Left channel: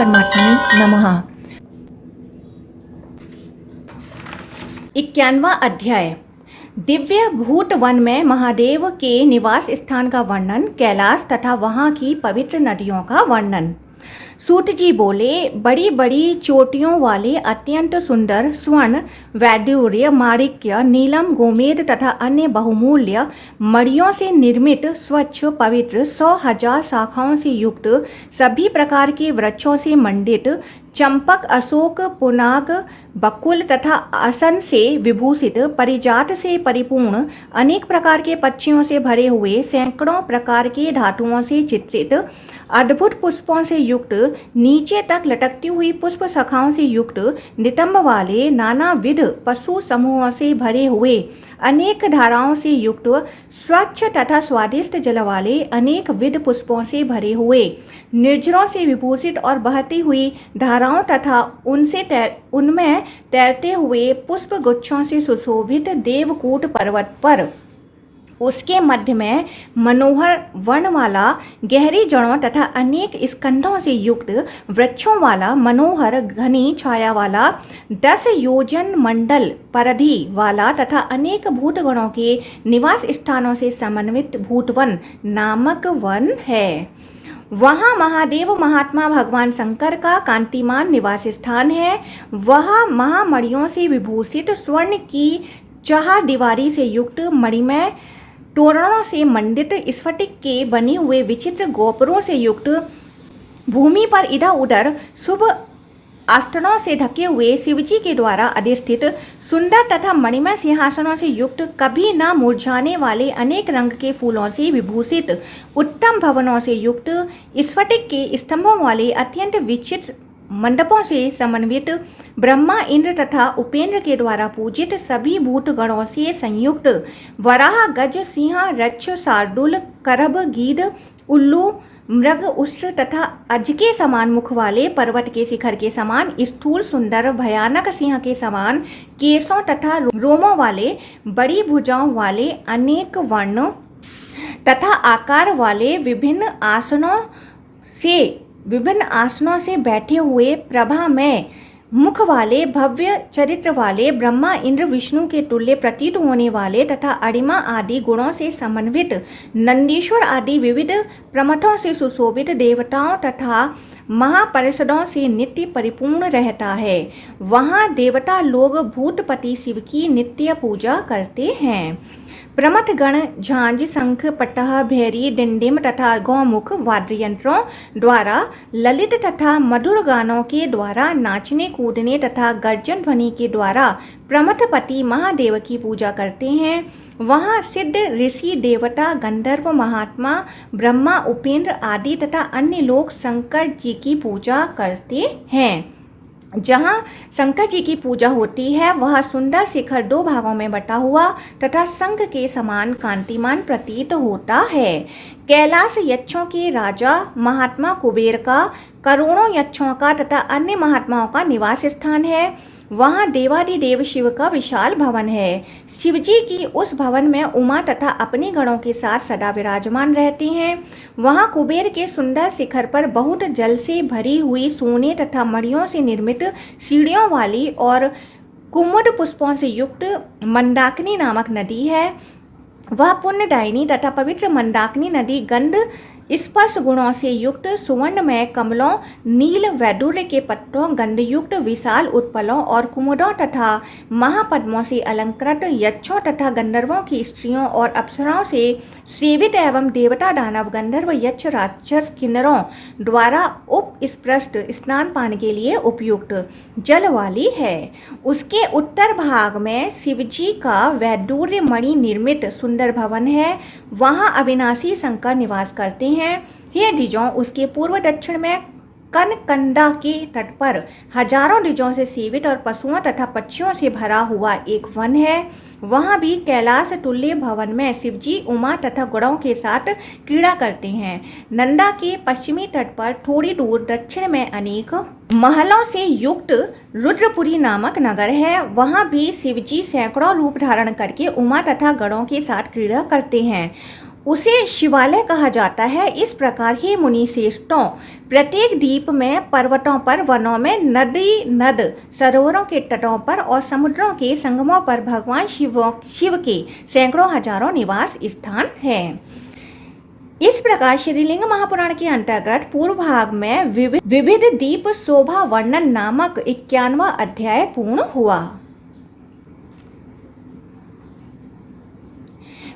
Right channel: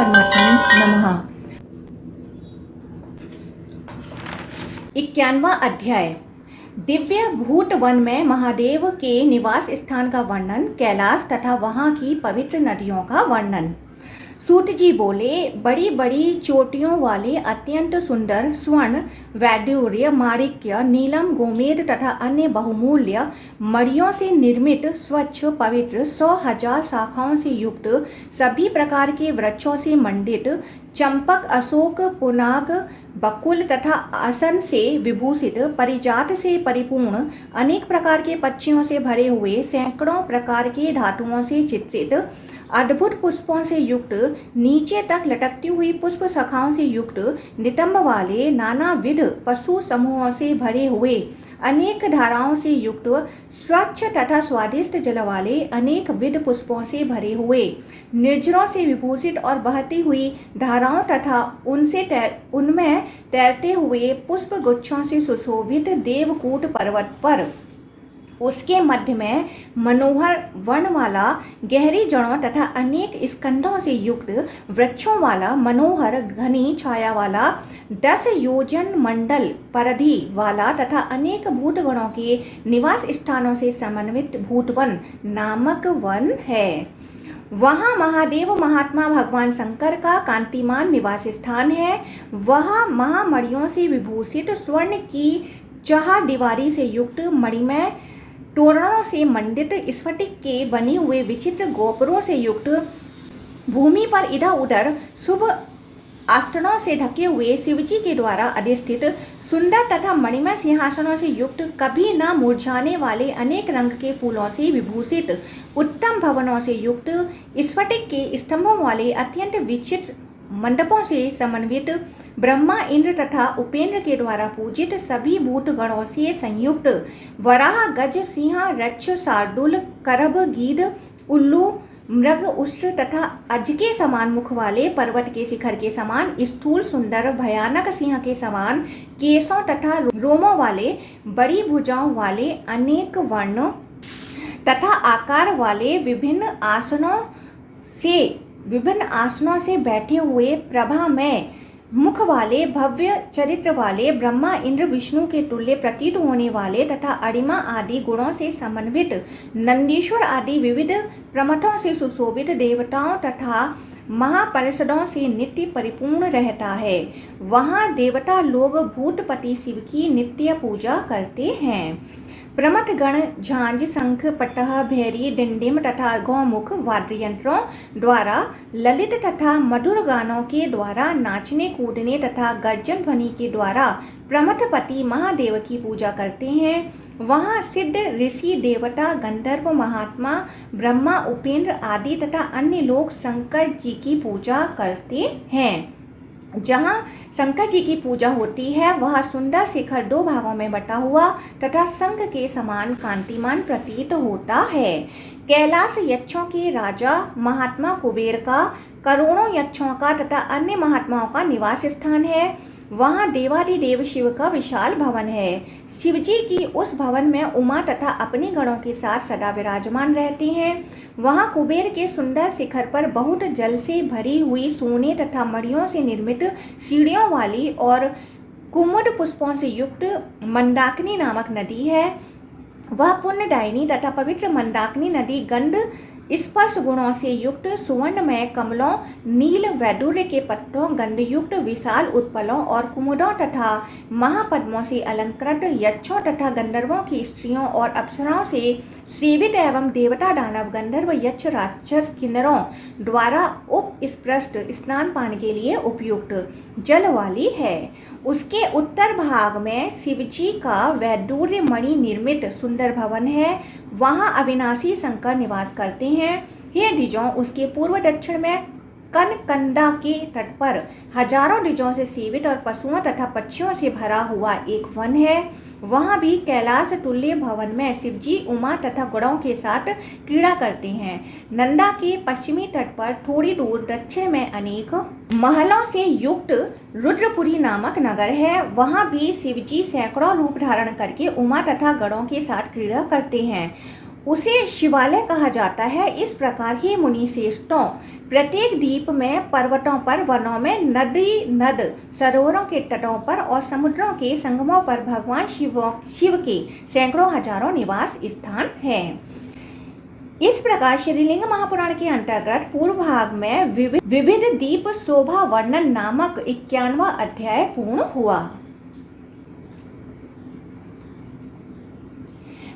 परमात्मने नमः। 91वां अध्याय। दिव्य भूत वन में महादेव के निवास स्थान का वर्णन, कैलाश तथा वहाँ की पवित्र नदियों का वर्णन। सूत जी बोले, बड़ी बड़ी चोटियों वाले अत्यंत सुंदर स्वर्ण, वैडूर्य, माणिक्य, नीलम, गोमेद तथा अन्य बहुमूल्य मणियों से निर्मित स्वच्छ पवित्र 100,000 शाखाओं से युक्त, सभी प्रकार के वृक्षों से मंडित, चंपक, अशोक, पुनाग, बकुल तथा आसन से विभूषित, परिजात से परिपूर्ण, अनेक प्रकार के पक्षियों से भरे हुए, सैकड़ों प्रकार के धातुओं से चित्रित, अद्भुत पुष्पों से युक्त, नीचे तक लटकती हुई पुष्प शाखाओं से युक्त, नितंब वाले, नानाविध पशु समूहों से भरे हुए, अनेक धाराओं से युक्त, स्वच्छ तथा स्वादिष्ट जल वाले, अनेक विध पुष्पों से भरे हुए, निर्झरों से विभूषित और बहती हुई धाराओं तथा उनमें तैरते हुए पुष्प गुच्छों से सुशोभित देवकूट पर्वत पर उसके मध्य में मनोहर वन वाला, गहरी जड़ों तथा अनेक स्कंधों से युक्त, वृक्षों वाला, मनोहर घनी छाया वाला, 10 योजन मंडल परिधि वाला तथा अनेक भूतगणों के निवास स्थानों से समन्वित भूतवन नामक वन है। वहाँ महादेव महात्मा भगवान शंकर का कांतिमान निवास स्थान है। वह महामणियों से विभूषित, स्वर्ण की चहारदीवारी से युक्त, मणिमय तोरणों से मंडित, स्फटिक के बने हुए विचित्र गोपुरों से युक्त, भूमि पर इधर उधर शुभ आसनों से ढके हुए, शिवजी के द्वारा अधिष्ठित सुंदर तथा मणिमय सिंहासनों से युक्त, कभी न मुरझाने वाले अनेक रंग के फूलों से विभूषित, उत्तम भवनों से युक्त, स्फटिक के स्तंभों वाले अत्यंत विचित्र मंडपों से समन्वित, ब्रह्मा, इंद्र तथा उपेंद्र के द्वारा पूजित, सभी भूतगणों से संयुक्त, वराह, गज, सिंह, रक्ष, शार्दूल, करभ, गीध, उल्लू, मृग, उष्ट्र तथा अज के समान मुख वाले, पर्वत के शिखर के समान स्थूल, सुंदर, भयानक सिंह के समान केशों तथा रोमों वाले, बड़ी भुजाओं वाले, अनेक वर्ण तथा आकार वाले, विभिन्न आसनों से बैठे हुए, प्रभा में मुख वाले, भव्य चरित्र वाले, ब्रह्मा, इंद्र, विष्णु के तुल्य प्रतीत होने वाले तथा अणिमा आदि गुणों से समन्वित, नंदीश्वर आदि विविध प्रमथों से सुशोभित, देवताओं तथा महापरिषदों से नित्य परिपूर्ण रहता है। वहाँ देवता लोग भूतपति शिव की नित्य पूजा करते हैं। प्रमथ गण झांझ, शंख, पटह, भैरी, डिंडिम तथा गौमुख वाद्य यंत्रों द्वारा ललित तथा मधुर गानों के द्वारा, नाचने कूदने तथा गर्जन ध्वनि के द्वारा प्रमथपति महादेव की पूजा करते हैं। वहाँ सिद्ध, ऋषि, देवता, गंधर्व, महात्मा, ब्रह्मा, उपेंद्र आदि तथा अन्य लोग शंकर जी की पूजा करते हैं। जहाँ शंकर जी की पूजा होती है वह सुंदर शिखर 2 भागों में बटा हुआ तथा शंख के समान कांतिमान प्रतीत होता है। कैलाश यक्षों के राजा महात्मा कुबेर का, करोड़ों यक्षों का तथा अन्य महात्माओं का निवास स्थान है। वहाँ देवादिदेव शिव का विशाल भवन है। शिवजी की उस भवन में उमा तथा अपने गणों के साथ सदा विराजमान रहते हैं। वहाँ कुबेर के सुंदर शिखर पर बहुत जल से भरी हुई, सोने तथा मणियों से निर्मित सीढ़ियों वाली और कुमुद पुष्पों से युक्त मंदाकिनी नामक नदी है। वह पुण्यदायिनी तथा पवित्र मंदाकिनी नदी गंध स्पर्श गुणों से युक्त, सुवर्णमय कमलों, नील वैडूर्य के पत्तों, गंधयुक्त विशाल उत्पलों और कुमुदों तथा महापद्मों से अलंकृत, यक्षों तथा गंधर्वों की स्त्रियों और अप्सराओं से सेवित एवं देवता, दानव, गंधर्व, यक्ष, राक्षस, किन्नरों द्वारा उपस्पृष्ट स्नान पान के लिए उपयुक्त जल वाली है। उसके उत्तर भाग में शिवजी का वैडूर्य मणि निर्मित सुंदर भवन है। वहाँ अविनाशी शंकर निवास करते हैं। हे द्विजों, उसके पूर्व दक्षिण में कनकंदा के तट पर हजारों द्विजों से सेवित और पशुओं तथा पक्षियों से भरा हुआ एक वन है। वहाँ भी कैलाश तुल्य भवन में शिवजी उमा तथा गणों के साथ क्रीड़ा करते हैं। नंदा के पश्चिमी तट पर थोड़ी दूर दक्षिण में अनेक महलों से युक्त रुद्रपुरी नामक नगर है। वहाँ भी शिवजी सैकड़ों रूप धारण करके उमा तथा गणों के साथ क्रीड़ा करते हैं। उसे शिवालय कहा जाता है। इस प्रकार ही मुनि श्रेष्ठों, प्रत्येक द्वीप में, पर्वतों पर, वनों में, नदी नद सरोवरों के तटों पर और समुद्रों के संगमों पर भगवान शिव के सैकड़ों हजारों निवास स्थान हैं। इस प्रकार श्रीलिंग महापुराण के अंतर्गत पूर्व भाग में विविध द्वीप शोभा वर्णन नामक 51वां अध्याय पूर्ण हुआ।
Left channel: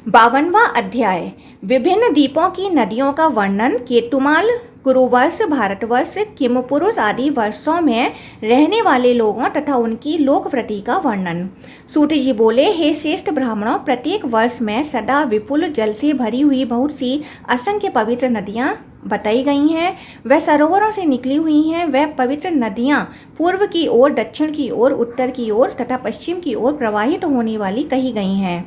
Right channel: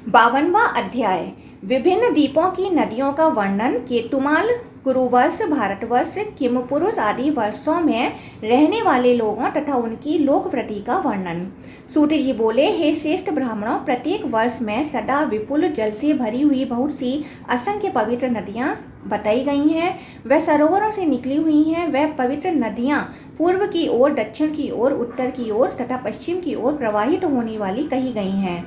52वां अध्याय विभिन्न द्वीपों की नदियों का वर्णन। केतुमाल, कुरुवर्ष, भारतवर्ष, किमपुरुष आदि वर्षों में रहने वाले लोगों तथा उनकी लोकवृत्ति का वर्णन। सूत जी बोले, हे श्रेष्ठ ब्राह्मणों, प्रत्येक वर्ष में सदा विपुल जल से भरी हुई बहुत सी असंख्य पवित्र नदियां बताई गई हैं। वह सरोवरों से निकली हुई हैं। वह पवित्र नदियां पूर्व की ओर, दक्षिण की ओर, उत्तर की ओर तथा पश्चिम की ओर प्रवाहित होने वाली कही गई हैं।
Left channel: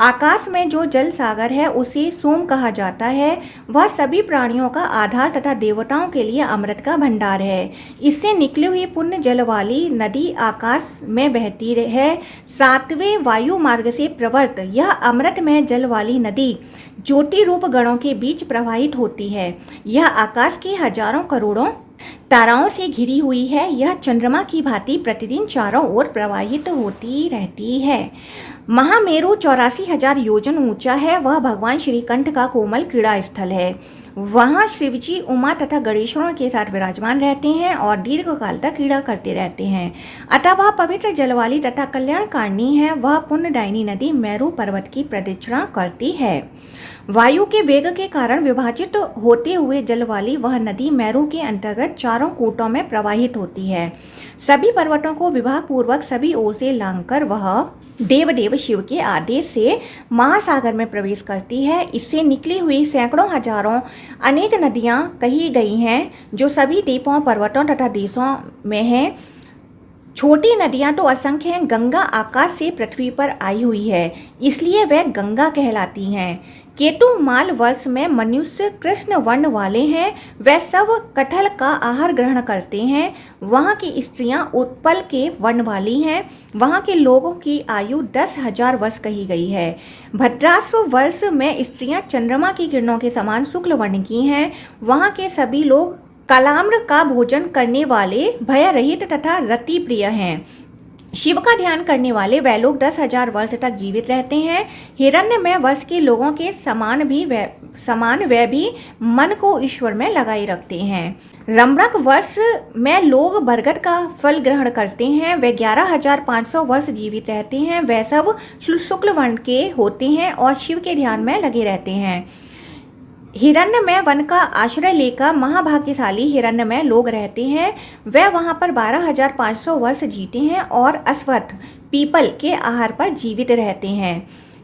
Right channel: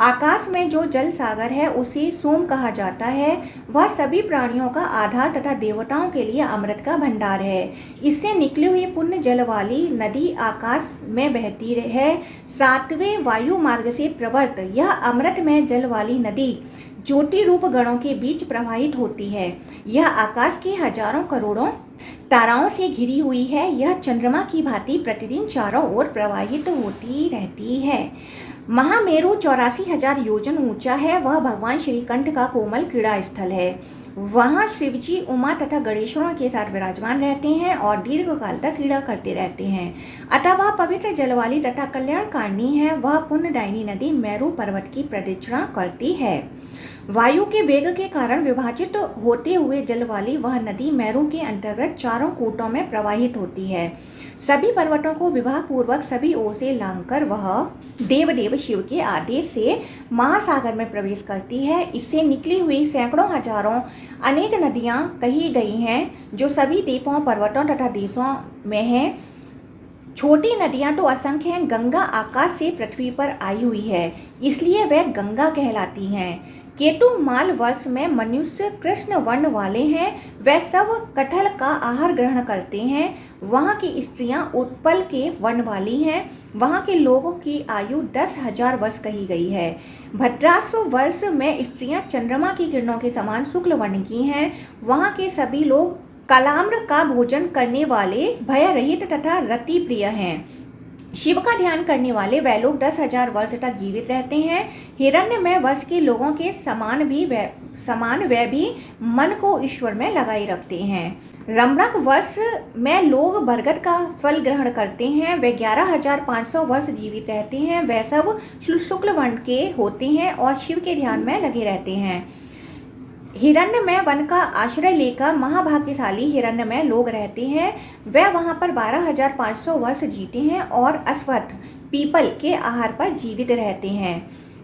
आकाश में जो जल सागर है उसे सोम कहा जाता है। वह सभी प्राणियों का आधार तथा देवताओं के लिए अमृत का भंडार है। इससे निकली हुई पुण्य जल वाली नदी आकाश में बहती है। 7वें वायु मार्ग से प्रवर्त यह अमृत में जल वाली नदी ज्योति रूप गणों के बीच प्रवाहित होती है। यह आकाश की हजारों करोड़ों ताराओं से घिरी हुई है। यह चंद्रमा की भांति प्रतिदिन चारों ओर प्रवाहित होती रहती है। महामेरु 84,000 योजन ऊंचा है। वह भगवान श्रीकंठ का कोमल क्रीड़ा स्थल है। वहाँ शिवजी उमा तथा गणेश्वरों के साथ विराजमान रहते हैं और दीर्घ काल तक क्रीड़ा करते रहते हैं। अतः वह पवित्र जल वाली तथा कल्याणकारिणी है। वह पुण्यदायिनी नदी मेरु पर्वत की प्रदक्षिणा करती है। वायु के वेग के कारण विभाजित होते हुए जल वाली वह नदी मेरु के अंतर्गत चारों कूटों में प्रवाहित होती है। सभी पर्वतों को विवाह पूर्वक सभी ओर से लांघकर वह देवदेव शिव के आदेश से महासागर में प्रवेश करती है। इससे निकली हुई सैकड़ों हजारों अनेक नदियां कही गई हैं, जो सभी द्वीपों, पर्वतों तथा देशों में हैं। छोटी नदियां तो असंख्य हैं। गंगा आकाश से पृथ्वी पर आई हुई है, इसलिए वह गंगा कहलाती हैं। केतु माल वर्ष में मनुष्य कृष्ण वर्ण वाले हैं। वह सब कटहल का आहार ग्रहण करते हैं। वहाँ की स्त्रियां उत्पल के वर्ण वाली हैं। वहाँ के लोगों की आयु 10,000 वर्ष कही गई है। भद्राश्व वर्ष में स्त्रियां चंद्रमा की किरणों के समान शुक्ल वर्ण की हैं। वहाँ के सभी लोग कलाम्र का भोजन करने वाले, भय रहित तथा रति प्रिय हैं। शिव का ध्यान करने वाले वह लोग 10,000 वर्ष तक जीवित रहते हैं। हिरण्यमय वर्ष के लोगों के समान वे भी मन को ईश्वर में लगाए रखते हैं। रमणक वर्ष में लोग बरगद का फल ग्रहण करते हैं। वे 11,500 वर्ष जीवित रहते हैं। वे सब शुक्ल वर्ण के होते हैं और शिव के ध्यान में लगे रहते हैं। हिरण्यमय वन का आश्रय लेकर महाभाग्यशाली हिरण्यमय लोग रहते हैं। वह वहां पर 12,500 वर्ष जीते हैं और अश्वत्थ पीपल के आहार पर जीवित रहते हैं।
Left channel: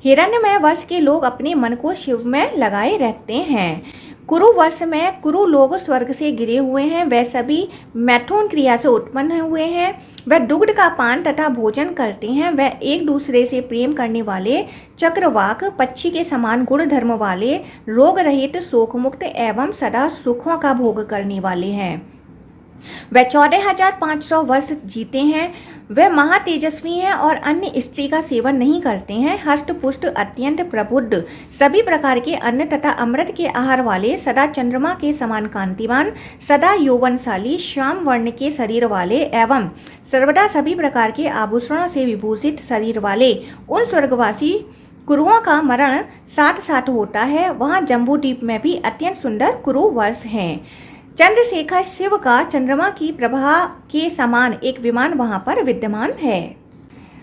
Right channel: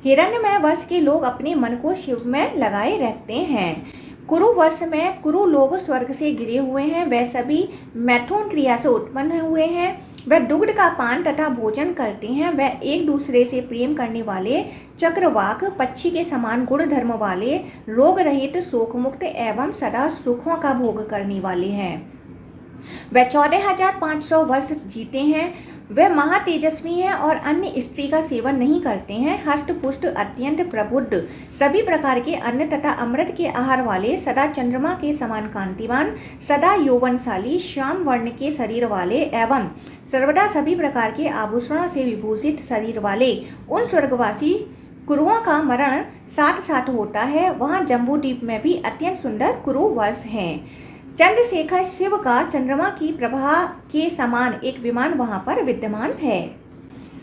हिरण्यमय वर्ष के लोग अपने मन को शिव में लगाए रखते हैं। कुरु वर्ष में कुरु लोग स्वर्ग से गिरे हुए हैं। वह सभी मैथुन क्रिया से उत्पन्न हुए हैं। वह दुग्ध का पान तथा भोजन करते हैं। वह एक दूसरे से प्रेम करने वाले, चक्रवाक पक्षी के समान गुण धर्म वाले, रोग रहित, शोक मुक्त एवं सदा सुखों का भोग करने वाले हैं। वह 14,500 वर्ष जीते हैं। वह महातेजस्वी हैं और अन्य स्त्री का सेवन नहीं करते हैं। हष्ट पुष्ट, अत्यंत प्रबुद्ध, सभी प्रकार के अन्न तथा अमृत के आहार वाले, सदा चंद्रमा के समान कांतिवान, सदा यौवनशाली, श्याम वर्ण के शरीर वाले एवं सर्वदा सभी प्रकार के आभूषणों से विभूषित शरीर वाले उन स्वर्गवासी कुरुओं का मरण साथ साथ होता है। वहाँ जम्बू द्वीप में भी अत्यंत सुंदर कुरु वर्ष हैं। चंद्रशेखर शिव का चंद्रमा की प्रभा के समान एक विमान वहां पर विद्यमान है।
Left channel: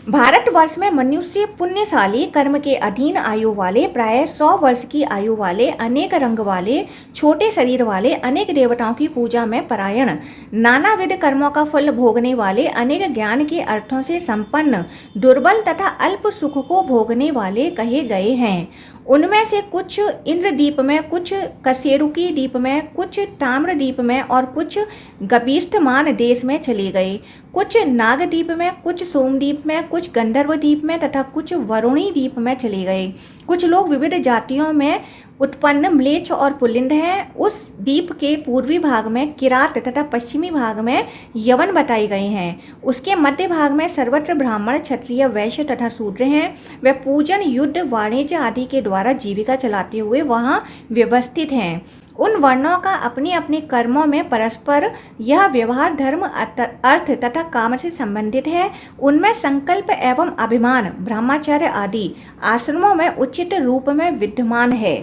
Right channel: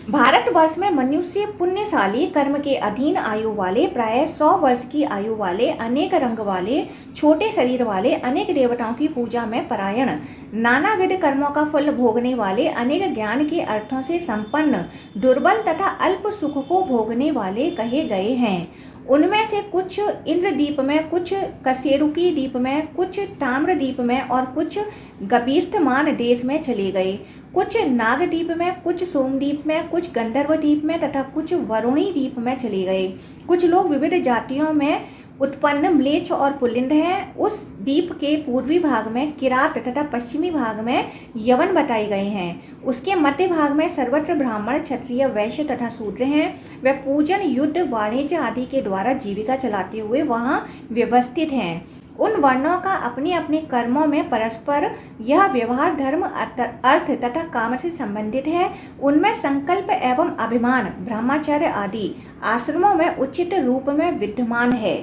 भारतवर्ष में मनुष्य पुण्यशाली, कर्म के अधीन आयु वाले, प्राय 100 वर्ष की आयु वाले, अनेक रंग वाले, छोटे शरीर वाले, अनेक देवताओं की पूजा में परायण, नानाविध कर्मों का फल भोगने वाले, अनेक ज्ञान के अर्थों से संपन्न, दुर्बल तथा अल्प सुख को भोगने वाले कहे गए हैं। उनमें से कुछ इंद्रदीप में, कुछ कसेरुकी द्वीप में, कुछ ताम्रदीप में और कुछ गभीष्टमान देश में चले गए। कुछ नागद्वीप में, कुछ सोमद्वीप में, कुछ गंधर्व द्वीप में तथा कुछ वरुणी द्वीप में चले गए। कुछ लोग विविध जातियों में उत्पन्न म्लेच्छ और पुल्लिंग है। उस द्वीप के पूर्वी भाग में किरात तथा पश्चिमी भाग में यवन बताए गए हैं। उसके मध्य भाग में सर्वत्र ब्राह्मण, क्षत्रिय, वैश्य तथा शूद्र हैं। वे पूजन, युद्ध, वाणिज्य आदि के द्वारा जीविका चलाते हुए वहाँ व्यवस्थित हैं। उन वर्णों का अपने अपने कर्मों में परस्पर यह व्यवहार धर्म, अर्थ तथा काम से संबंधित है। उनमें संकल्प एवं अभिमान, ब्रह्मचर्य आदि आश्रमों में उचित रूप में विद्यमान है।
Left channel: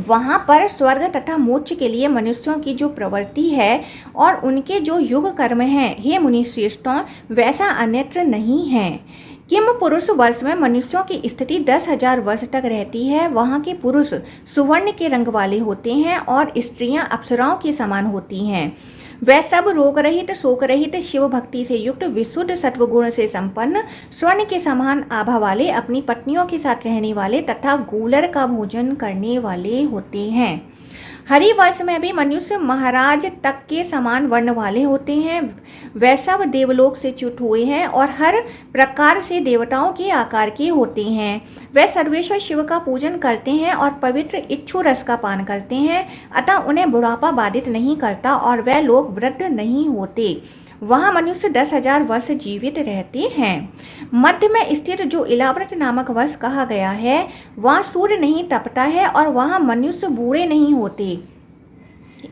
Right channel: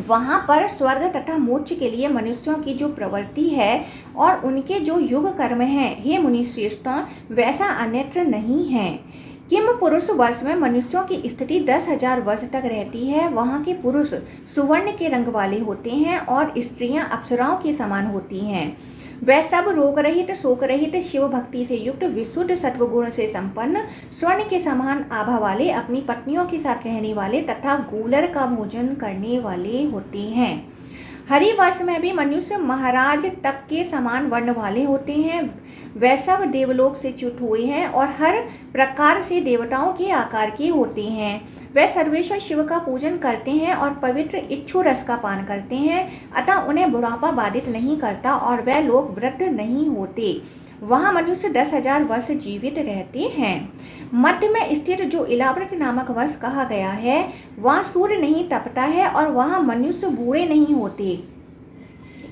वहाँ पर स्वर्ग तथा मोक्ष के लिए मनुष्यों की जो प्रवृत्ति है और उनके जो युग कर्म हैं, हे मुनि श्रेष्ठों, वैसा अन्यत्र नहीं है। किम पुरुष वर्ष में मनुष्यों की स्थिति 10,000 वर्ष तक रहती है। वहाँ के पुरुष सुवर्ण के रंग वाले होते हैं और स्त्रियां अप्सराओं के समान होती हैं। वह सब रोग रहित, शोक रहित, शिव भक्ति से युक्त, विशुद्ध सत्वगुण से संपन्न, स्वर्ण के समान आभा वाले, अपनी पत्नियों के साथ रहने वाले तथा गूलर का भोजन करने वाले होते हैं। हरि वर्ष में भी मनुष्य महाराज तक के समान वर्ण वाले होते हैं। वह सब देवलोक से च्युत हुए हैं और हर प्रकार से देवताओं के आकार के होते हैं। वह सर्वेश्वर शिव का पूजन करते हैं और पवित्र इच्छु रस का पान करते हैं, अतः उन्हें बुढ़ापा बाधित नहीं करता और वह लोग वृद्ध नहीं होते। वहाँ मनुष्य 10,000 वर्ष जीवित रहते हैं। मध्य में स्थित जो इलाव्रत नामक वर्ष कहा गया है, वहाँ सूर्य नहीं तपता है और वहाँ मनुष्य बूढ़े नहीं होते।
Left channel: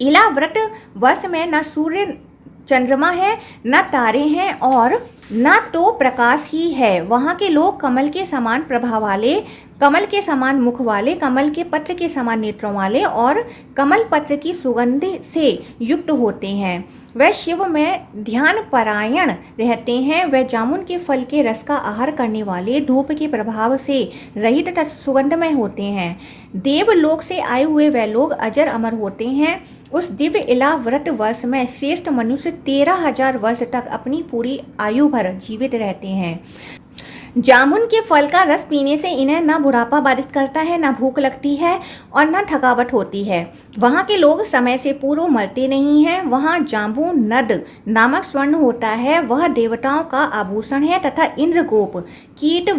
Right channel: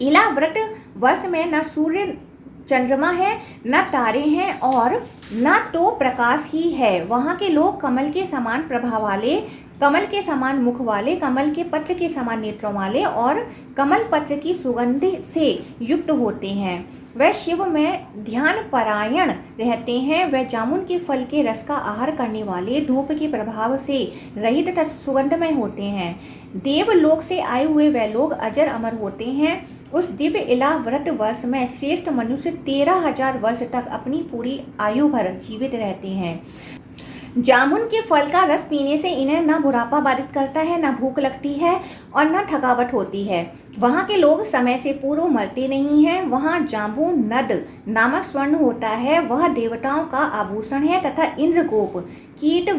इलाव्रत वर्ष में न सूर्य चंद्रमा है, न तारे हैं और न तो प्रकाश ही है। वहाँ के लोग कमल के समान प्रभाव वाले, कमल के समान मुख वाले, कमल के पत्र के समान नेत्रों वाले और कमल पत्र की सुगंध से युक्त होते हैं। वह शिव में ध्यान परायण रहते हैं। वह जामुन के फल के रस का आहार करने वाले, धूप के प्रभाव से रहित तथा सुगंधमय होते हैं। देवलोक से आए हुए वह लोग अजर अमर होते हैं। उस दिव्य इलाव्रत वर्ष में श्रेष्ठ मनुष्य 13,000 वर्ष तक अपनी पूरी आयु भर जीवित रहते हैं। जामुन के फल का रस पीने से इन्हें न बुढ़ापा बाधित करता है, न भूख लगती है और न थकावट होती है। वहाँ के लोग समय से पूर्व मरते नहीं हैं। वहाँ जाम्बू नद नामक स्वर्ण होता है, वह देवताओं का आभूषण है तथा इंद्रगोप कीट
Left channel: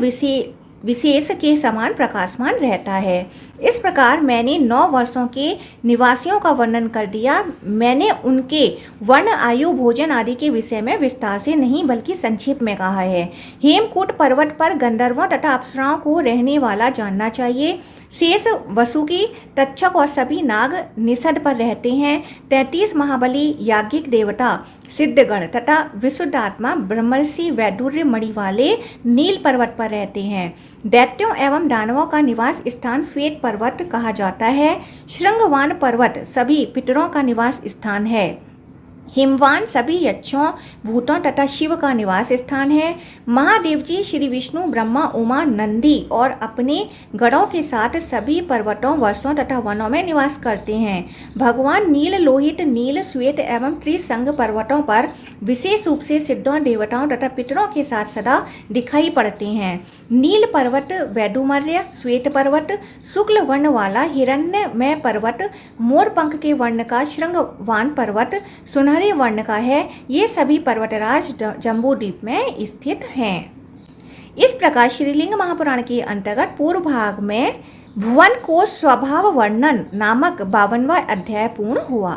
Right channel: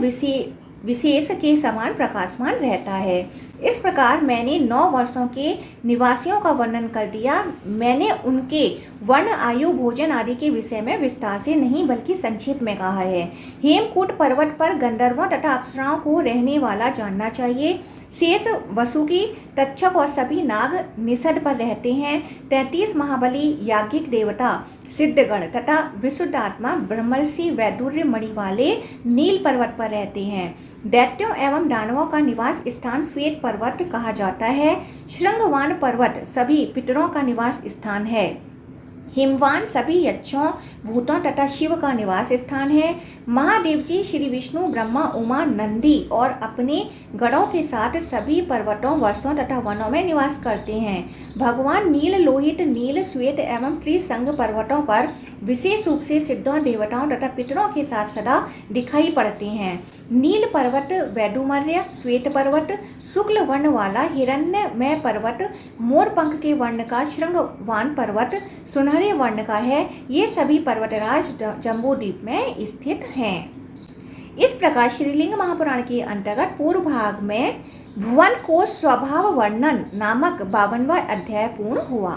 विशेष के समान प्रकाशमान रहता है। इस प्रकार मैंने 9 वर्षों के निवासियों का वर्णन कर दिया। मैंने उनके वर्ण, आयु, भोजन आदि के विषय में विस्तार से नहीं बल्कि संक्षेप में कहा है। हेमकूट पर्वत पर गंधर्वों तथा अप्सराओं को रहने वाला जानना चाहिए। शेष, वसुकी, तक्षक और सभी नाग निषद पर रहते हैं। 33 महाबली याज्ञिक देवता, सिद्धगण तथा विशुद्ध आत्मा ब्रह्मर्षि वैदुर्य मणि वाले नील पर्वत पर रहते हैं। दैत्यों एवं दानवों का निवास स्थान श्वेत पर्वत कहा जाता है। श्रृंगवान पर्वत सभी पितरों का निवास स्थान है। हिमवान सभी यक्षों, भूतों तथा शिव का निवास स्थान है। महादेव जी श्री विष्णु, ब्रह्मा, उमा, नंदी और अपने गणों के साथ सभी पर्वतों, वर्षों तथा वनों में निवास करते हैं। भगवान नील, लोहित, नील, श्वेत एवं त्रिसंग पर्वतों पर विशेष रूप से सिद्धों, देवताओं तथा पितरों के साथ सदा दिखाई पड़ते हैं। नील पर्वत वैडुमर्य, श्वेत पर्वत शुक्ल वर्ण वाला हिरण्यमय पर्वत, मोर पंख के वर्ण का श्रृंगवान पर्वत सुनहरे वर्ण का है। ये सभी पर्वतराज जम्बू द्वीप में स्थित हैं। इस प्रकार श्रीलिंग महापुराण के अंतर्गत पूर्व भाग में भुवन कोश स्वभाव वर्णन नामक 52वां अध्याय पूर्ण हुआ।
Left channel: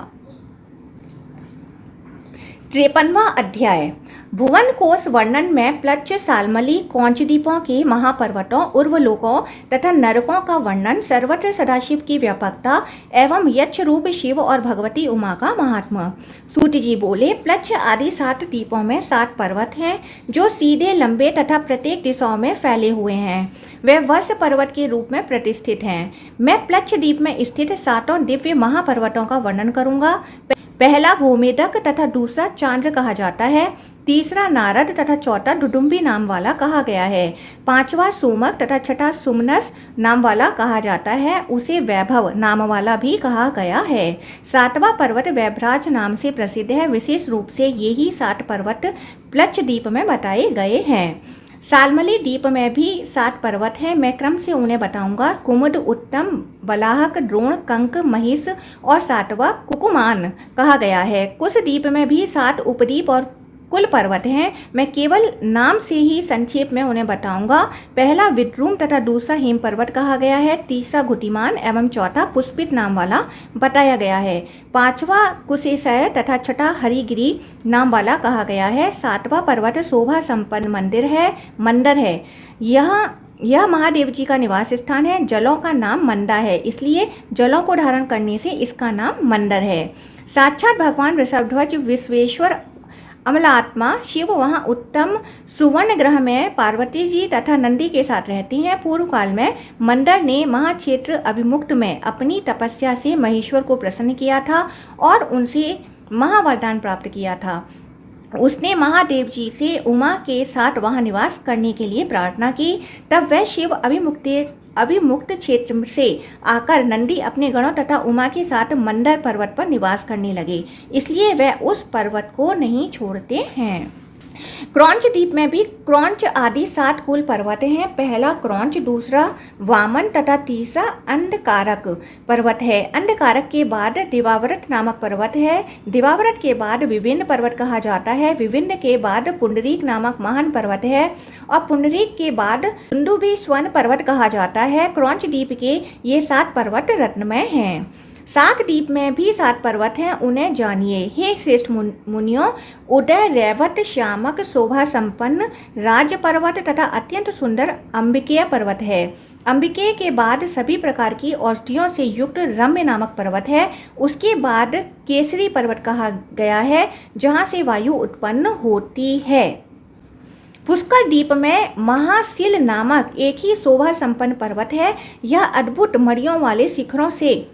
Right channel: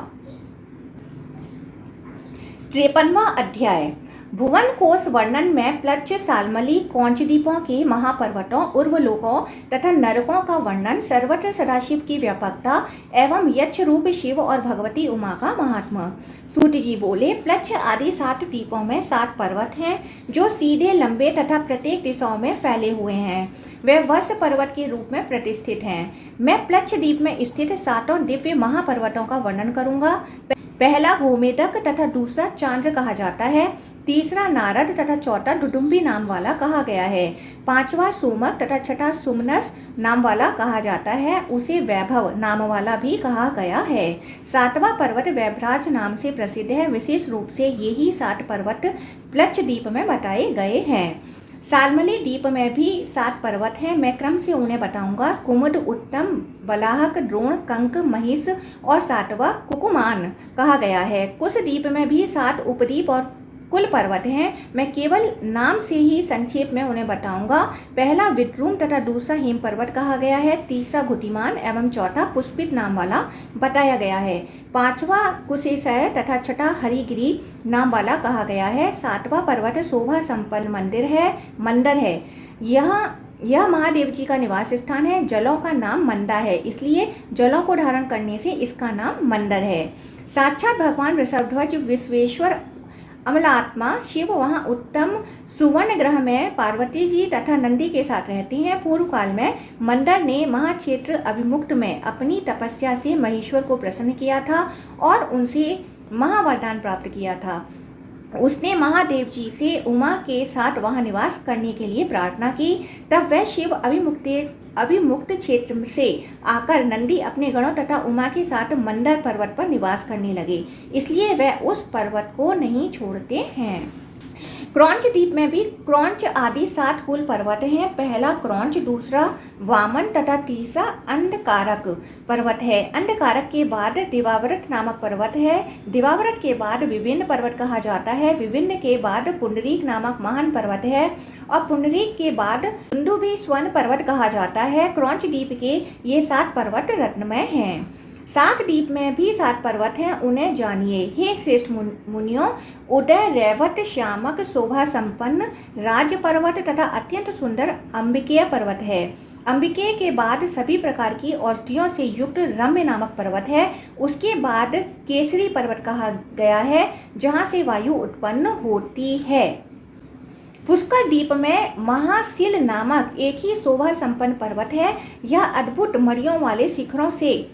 53वां अध्याय भुवन कोश वर्णन में प्लच्छ, सालमली, कौंच द्वीपों के महापर्वतों, उर्वलोकों तथा नरकों का वर्णन, सर्वत्र सदाशिव की व्यापकता एवं यक्ष रूप शिव और भगवती उमा का महात्मा। सूत जी बोले, प्लच्छ आदि 7 द्वीपों में 7 पर्वत हैं जो सीधे, लंबे तथा प्रत्येक दिशाओं में फैले हुए हैं। वे वर्ष पर्वत के रूप में प्रतिष्ठित हैं। मैं प्लच्छ द्वीप में स्थित 7 दिव्य महापर्वतों का वर्णन करूंगा। पहला भूमेदक तथा दूसरा चांद्र कहा जाता है। तीसरा नारद तथा चौथा डुडुम्बी नाम वाला कहा गया है। 5वां सोमक तथा छठा सुमनस नाम वाला कहा जाता है। उसे वैभव नाम वाला भी कहा गया है। 7वां पर्वत वैभराज नाम से प्रसिद्ध है। विशेष रूप से यही 7 पर्वत प्लच्छ द्वीप में बताए गए हैं। सालमली द्वीप में भी 7 पर्वत हैं। मैं क्रम से उन्हें बताऊंगा। कुमुद, उत्तम, बलाहक, द्रोण, कंक, महिष और 7वां कुकुमान कहा गया है। कुश द्वीप में भी 7 उपद्वीप और कुल पर्वत हैं। मैं केवल नाम से ही संक्षेप में उन्हें बताऊंगा। पहला विद्रुम तथा दूसरा हेम पर्वत कहा गया है, तीसरा गुटिमान एवं चौथा पुष्पित नाम वाला बताया गया है। पांचवा कुशेशय तथा छठा हरिगिरी नाम वाला कहा गया है। सातवां पर्वत शोभा संपन्न मंदिर है। यह महादेव जी का निवास स्थान है। जलों का नाम मंदा है, इसलिए जलों को धारण करने से इसका नाम मंदर है। साक्षात भगवान वृषभध्वज विश्वेश्वर अमलात्मा शिव वहाँ उत्तम सुवर्ण ग्रह में पार्वती जी तथा नंदी के साथ रहती हैं। पूर्व काल में मंदर ने महाक्षेत्र अभिमुक्त में अपनी तपस्या से महेश्वर को प्रसन्न किया था और उनसे महावरदान प्राप्त किया था। उसने महादेव जी से उमा के साथ वहां निवास करने के लिए प्रार्थना की। तब वह शिव अभिमुक्त क्षेत्र से आकर नंदी अपने गणों तथा उमा के साथ मंदर पर्वत पर निवास करने लगे, इसलिए वह उस पर्वत को नहीं छोड़ते हैं। क्रौंच द्वीप में भी क्रौंच आदि 7 कुल पर्वत हैं। पहला क्रौंच, दूसरा वामन तथा तीसरा अंधकारक पर्वत है। अंधकारक के बाद दिवाव्रत नामक पर्वत है। दिवाव्रत के बाद विभिन्न पर्वत कहा जाता है। विभिन्न के बाद पुंडरीक नामक महान पर्वत है और पुंडरीक के बाद दुंदुभि स्वर्ण पर्वत कहा जाता है। क्रौंच द्वीप के ये 7 पर्वत रत्नमय हैं। साक द्वीप में भी 7 पर्वत हैं, उन्हें जानिए। हे श्रेष्ठ मुनियों, उदय, रैवत, श्यामक, शोभा संपन्न राज पर्वत तथा अत्यंत सुंदर अंबिकेय पर्वत है। अंबिकेय के बाद सभी प्रकार की औषधियों से युक्त रम्य नामक पर्वत है। उसके बाद केसरी पर्वत कहा गया है, जहाँ से वायु उत्पन्न होती है। पुष्कर द्वीप में महाशिल नामक एक ही शोभा संपन्न पर्वत है। यह अद्भुत मड़ियों वाले शिखरों से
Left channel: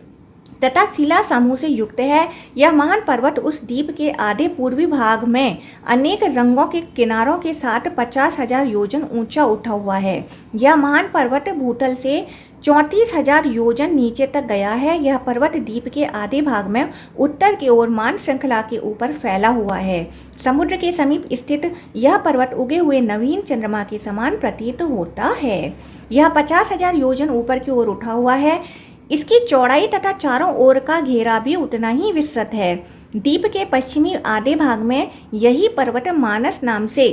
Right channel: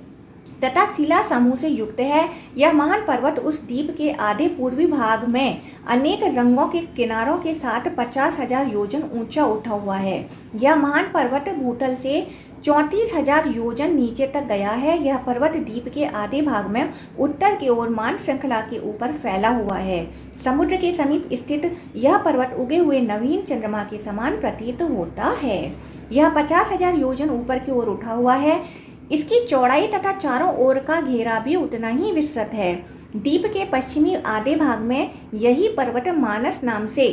तथा शिला समूह से युक्त है। यह महान पर्वत उस द्वीप के आधे पूर्वी भाग में अनेक रंगों के किनारों के साथ 50,000 योजन ऊंचा उठा हुआ है। यह महान पर्वत भूतल से 34,000 योजन नीचे तक गया है। यह पर्वत द्वीप के आधे भाग में उत्तर की ओर मान श्रृंखला के ऊपर फैला हुआ है। समुद्र के समीप स्थित यह पर्वत उगे हुए नवीन चंद्रमा के समान प्रतीत होता है। यह 50,000 योजन ऊपर की ओर उठा हुआ है। इसकी चौड़ाई तथा चारों ओर का घेरा भी उतना ही विस्तृत है। द्वीप के पश्चिमी आधे भाग में यही पर्वत मानस नाम से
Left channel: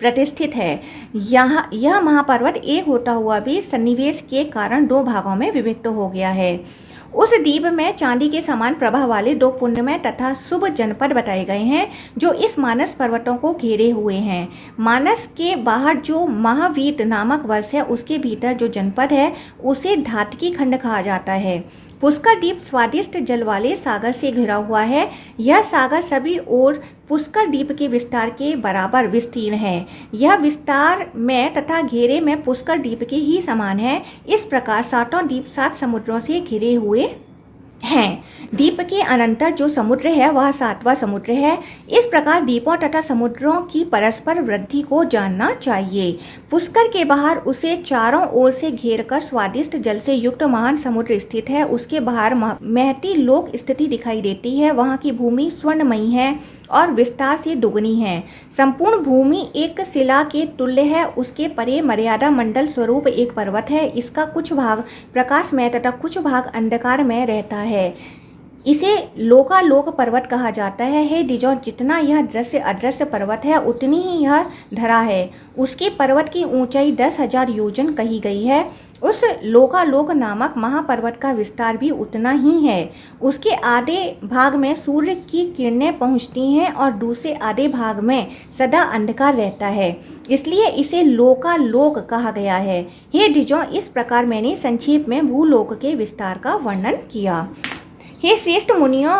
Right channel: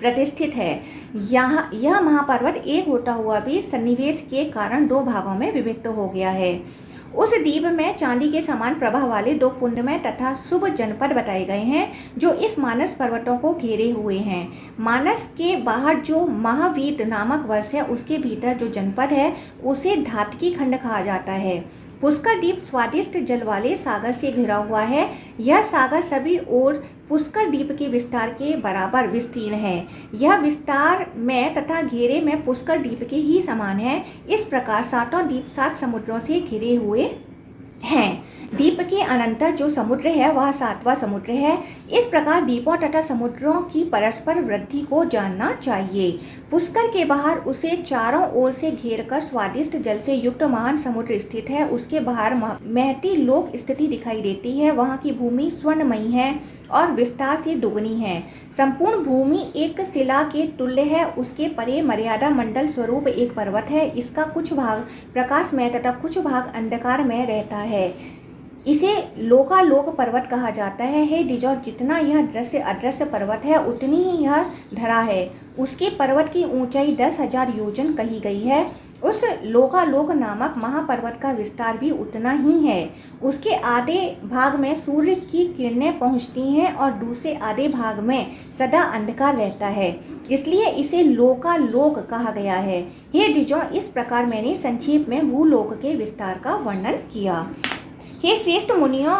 प्रतिष्ठित है। यह महापर्वत एक होता हुआ भी सन्निवेश के कारण 2 भागों में विभक्त हो गया है। उस द्वीप में चांदी के समान प्रभा वाले 2 पुण्यमय तथा शुभ जनपद बताए गए हैं, जो इस मानस पर्वतों को घेरे हुए हैं। मानस के बाहर जो महावीत नामक वर्ष है, उसके भीतर जो जनपद है उसे धातकी खंड कहा जाता है। पुष्कर द्वीप स्वादिष्ट जल वाले सागर से घिरा हुआ है। यह सागर सभी ओर पुष्कर द्वीप के विस्तार के बराबर विस्तीर्ण है। यह विस्तार में तथा घेरे में पुष्कर द्वीप के ही समान है। इस प्रकार 7 द्वीप 7 समुद्रों से घिरे हुए हैं। द्वीप के अनंतर जो समुद्र है वह 7वां समुद्र है। इस प्रकार द्वीपों तथा समुद्रों की परस्पर वृद्धि को जानना चाहिए। पुष्कर के बाहर उसे चारों ओर से घेरकर स्वादिष्ट जल से युक्त महान समुद्र स्थित है। उसके बाहर महती लोक स्थिति दिखाई देती है। वहाँ की भूमि स्वर्णमयी है और विस्तार से दुगनी है। संपूर्ण भूमि एक शिला के तुल्य है। उसके परे मर्यादा मंडल स्वरूप एक पर्वत है। इसका कुछ भाग प्रकाशमय तथा कुछ भाग अंधकार में रहता है। इसे लोकालोक पर्वत कहा जाता है। हे द्विजों, जितना यह दृश्य अदृश्य पर्वत है उतनी ही यह धरा है। उसके पर्वत की ऊंचाई 10,000 योजन कही गई है। उस लोकालोक नामक महापर्वत का विस्तार भी उतना ही है। उसके आधे भाग में सूर्य की किरणें पहुंचती हैं और दूसरे आधे भाग में सदा अंधकार रहता है, इसलिए इसे लोकालोक कहा गया है। हे द्विजों, इस प्रकार मैंने संक्षेप में भूलोक के विस्तार का वर्णन किया। हे श्रेष्ठ मुनियों,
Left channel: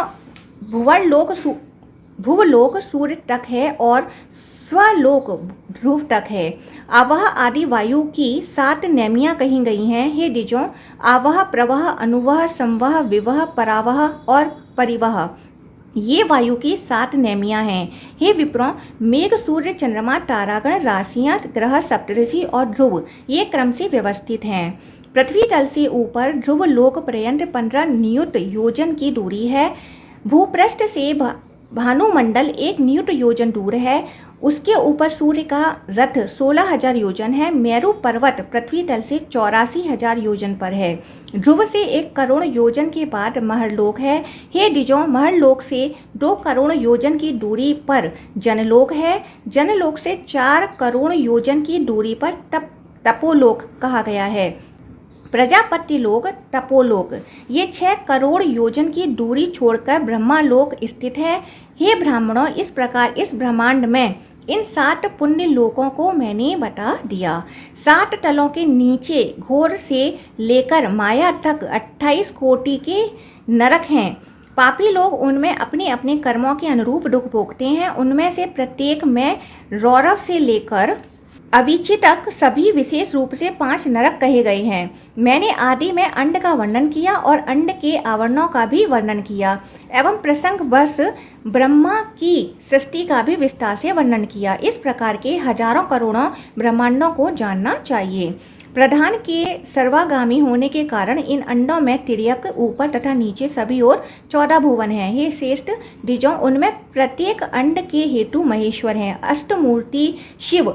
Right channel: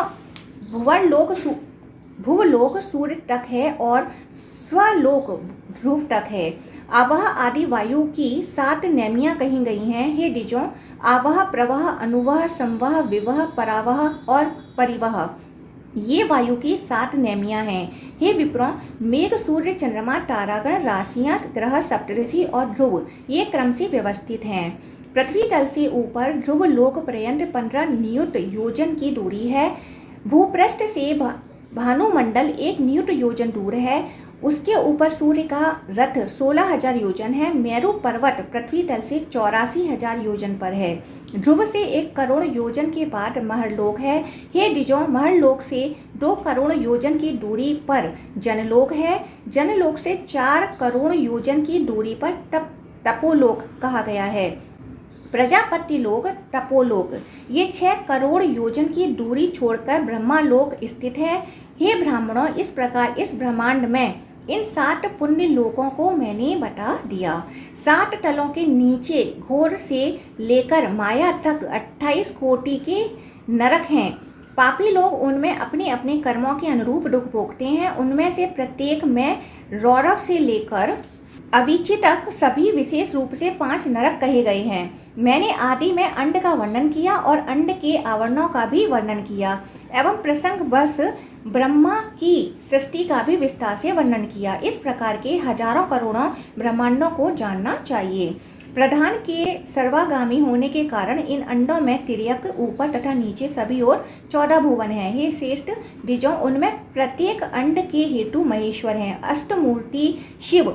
भूलोक सूर्य तक है और स्वलोक ध्रुव तक है। आवह आदि वायु की 7 नेमियां कही गई हैं। हे द्विजों, आवह, प्रवह, अनुवह, संवह, विवह, परावह और परिवह, ये वायु की 7 नेमियां हैं। हे विप्रों, मेघ, सूर्य, चंद्रमा, तारागण, राशियां, ग्रह, सप्तऋषि और ध्रुव ये क्रम से व्यवस्थित हैं। पृथ्वी तल से ऊपर ध्रुव लोक पर्यंत 15 नियुत योजन की दूरी है। भूपृष्ठ से भानुमंडल 1 न्यूट योजन दूर है। उसके ऊपर सूर्य का रथ 16,000 योजन है। मेरु पर्वत पृथ्वी तल से 84,000 योजन पर है। ध्रुव से 1 करोड़ योजन के बाद महरलोक है। हे द्विजों, महरलोक से 2 करोड़ योजन की दूरी पर जनलोक है। जनलोक से 4 करोड़ योजन की दूरी पर तपोलोक कहा गया है। प्रजापति लोक, तपोलोक, ये 6 करोड़ योजन की दूरी छोड़कर ब्रह्मालोक स्थित है। हे ब्राह्मणों, इस प्रकार इस ब्रह्मांड में इन 7 पुण्य लोकों को मैंने बता दिया। 7 तलों के नीचे घोर से लेकर माया तक 28 कोटि के नरक हैं। पापी लोग उनमें अपने अपने कर्मों के अनुरूप दुख भोगते हैं। उनमें से प्रत्येक में रौरव से लेकर अविची तक सभी विशेष रूप से 5 नरक कहे गए हैं। मैंने आदि में अंड का वर्णन किया और अंड के आवरणों का भी वर्णन किया एवं प्रसंगवश ब्रह्मा की सृष्टि का भी विस्तार से वर्णन किया। इस प्रकार के हजारों करोड़ों ब्रह्मांडों को जानना चाहिए। प्रधान के सर्वागामी होने के कारण इन अंडों में तिर्यक ऊपर तथा नीचे सभी ओर 14 भुवन हैं। हे श्रेष्ठ द्विजों, उनमें प्रत्येक अंड के हेतु महेश्वर हैं। अष्टमूर्ति शिव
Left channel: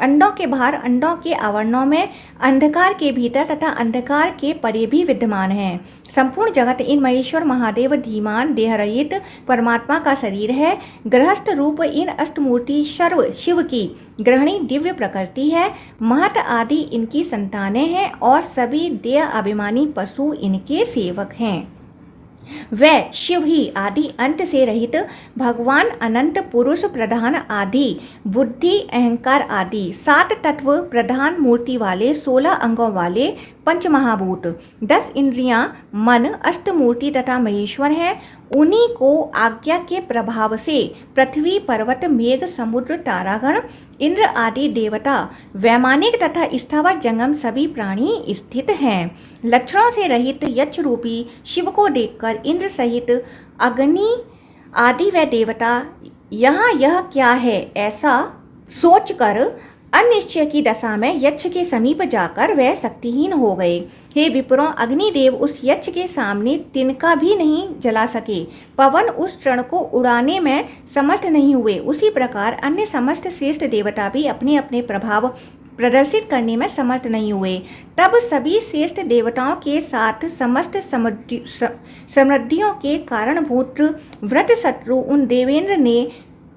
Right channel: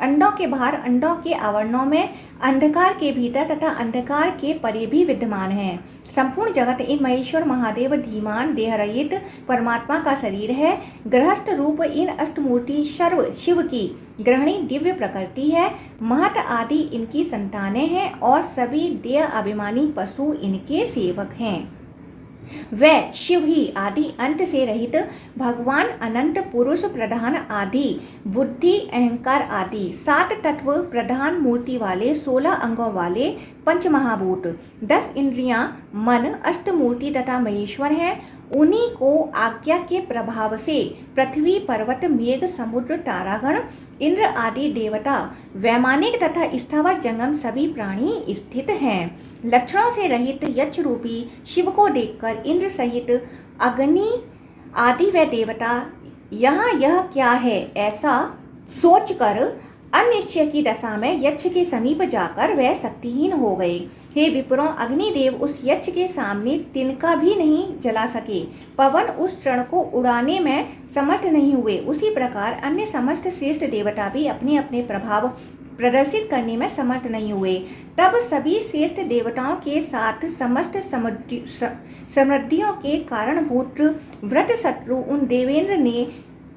अंडों के बाहर, अंडों के आवरणों में, अंधकार के भीतर तथा अंधकार के परे भी विद्यमान हैं। संपूर्ण जगत इन महेश्वर महादेव धीमान देहरहित परमात्मा का शरीर है। गृहस्थ रूप इन अष्टमूर्ति सर्व शिव की ग्रहणी दिव्य प्रकृति है। महत आदि इनकी संतानें हैं और सभी देह अभिमानी पशु इनके सेवक हैं। वह शिव ही आदि अंत से रहित भगवान अनंत पुरुष प्रधान आदि बुद्धि अहंकार आदि 7 तत्व प्रधान मूर्ति वाले 16 अंगों वाले पंचमहाभूत 10 इंद्रियां मन अष्टमूर्ति तथा महेश्वर हैं। उन्हीं को आज्ञा के प्रभाव से पृथ्वी पर्वत मेघ समुद्र तारागण इंद्र आदि देवता वैमानिक तथा स्थावर जंगम सभी प्राणी स्थित हैं। लक्षणों से रहित यक्ष रूपी शिव को देखकर इंद्र सहित अग्नि आदि व देवता यहाँ यह क्या है ऐसा सोचकर अनिश्चय की दशा में यक्ष के समीप जाकर वह शक्तिहीन हो गए। हे विप्रों, अग्निदेव उस यक्ष के सामने तिनका भी नहीं जला सके। पवन उस तृण को उड़ाने में समर्थ नहीं हुए। उसी प्रकार अन्य समस्त श्रेष्ठ देवता भी अपने अपने प्रभाव प्रदर्शित करने में समर्थ नहीं हुए। तब सभी श्रेष्ठ देवताओं के साथ समस्त समृद्धियों के कारणभूत व्रत शत्रु उन देवेंद्र ने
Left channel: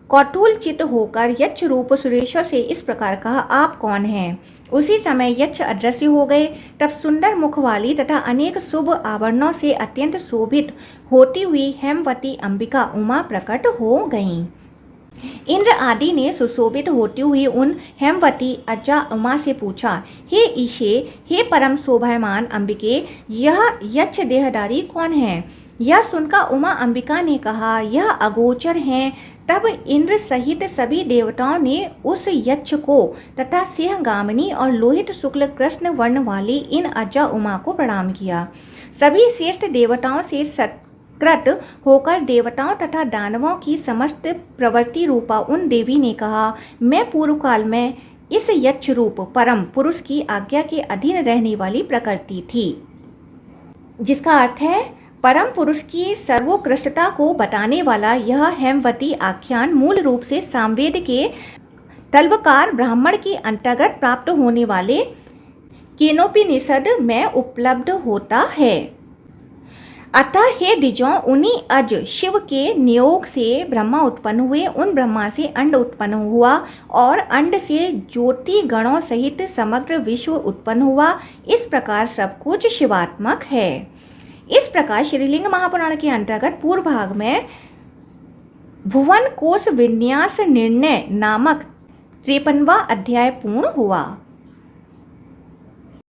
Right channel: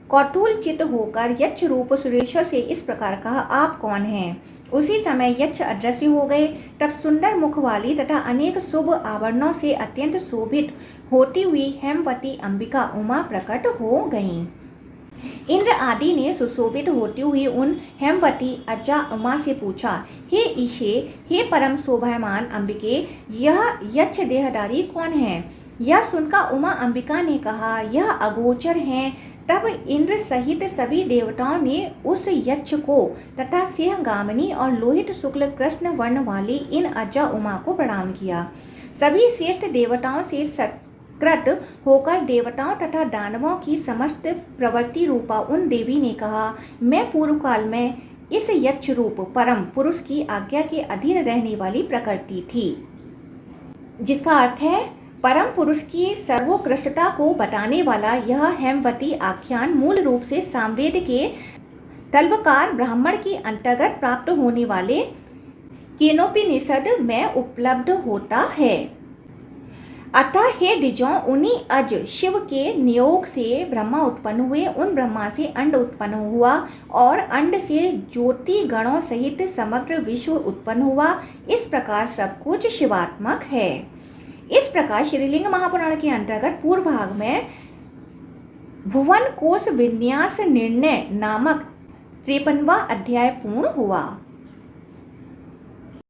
कौतूल चित्त होकर यक्ष रूप सुरेश्वर से इस प्रकार कहा, आप कौन हैं? उसी समय यक्ष अदृश्य हो गए। तब सुंदर मुख वाली तथा अनेक शुभ आवरणों से अत्यंत शोभित होती हुई हेमवती अंबिका उमा प्रकट हो गईं। इंद्र आदि ने सुशोभित होती हुई उन हेमवती अजा उमा से पूछा, हे ईशे, हे परम शोभायमान अंबिके, यह यक्ष देहधारी कौन है? यह सुनकर उमा अंबिका ने कहा, यह अगोचर हैं। तब इंद्र सहित सभी देवताओं ने उस यक्ष को तथा सिंहगामिनी और लोहित शुक्ल कृष्ण वर्ण वाली इन अजा उमा को प्रणाम किया। सभी श्रेष्ठ देवताओं से सत्कृत होकर देवताओं तथा दानवों की समस्त प्रवृत्ति रूपा उन देवी ने कहा, मैं पूर्व काल में इस यक्ष रूप परम पुरुष की आज्ञा के अधीन रहने वाली प्रकृति थी। जिसका अर्थ है परम पुरुष की सर्वोत्कृष्टता को बताने वाला यह हेमवती आख्यान मूल रूप से सामवेद के तल्वकार ब्राह्मण के अंतर्गत प्राप्त होने वाले केनोपनिषद में उपलब्ध होता है। अतः हे द्विजों, उन्हीं अज शिव के नियोग से ब्रह्मा उत्पन्न हुए। उन ब्रह्मा से अंड उत्पन्न हुआ और अंड से ज्योति गणों सहित समग्र विश्व उत्पन्न हुआ। इस प्रकार सब कुछ शिवात्मक है। इस प्रकार श्रीलिंग महापुराण के अंतर्गत पूर्व भाग में भुवन कोश विन्यास निर्णय नामक 53वां अध्याय पूर्ण हुआ।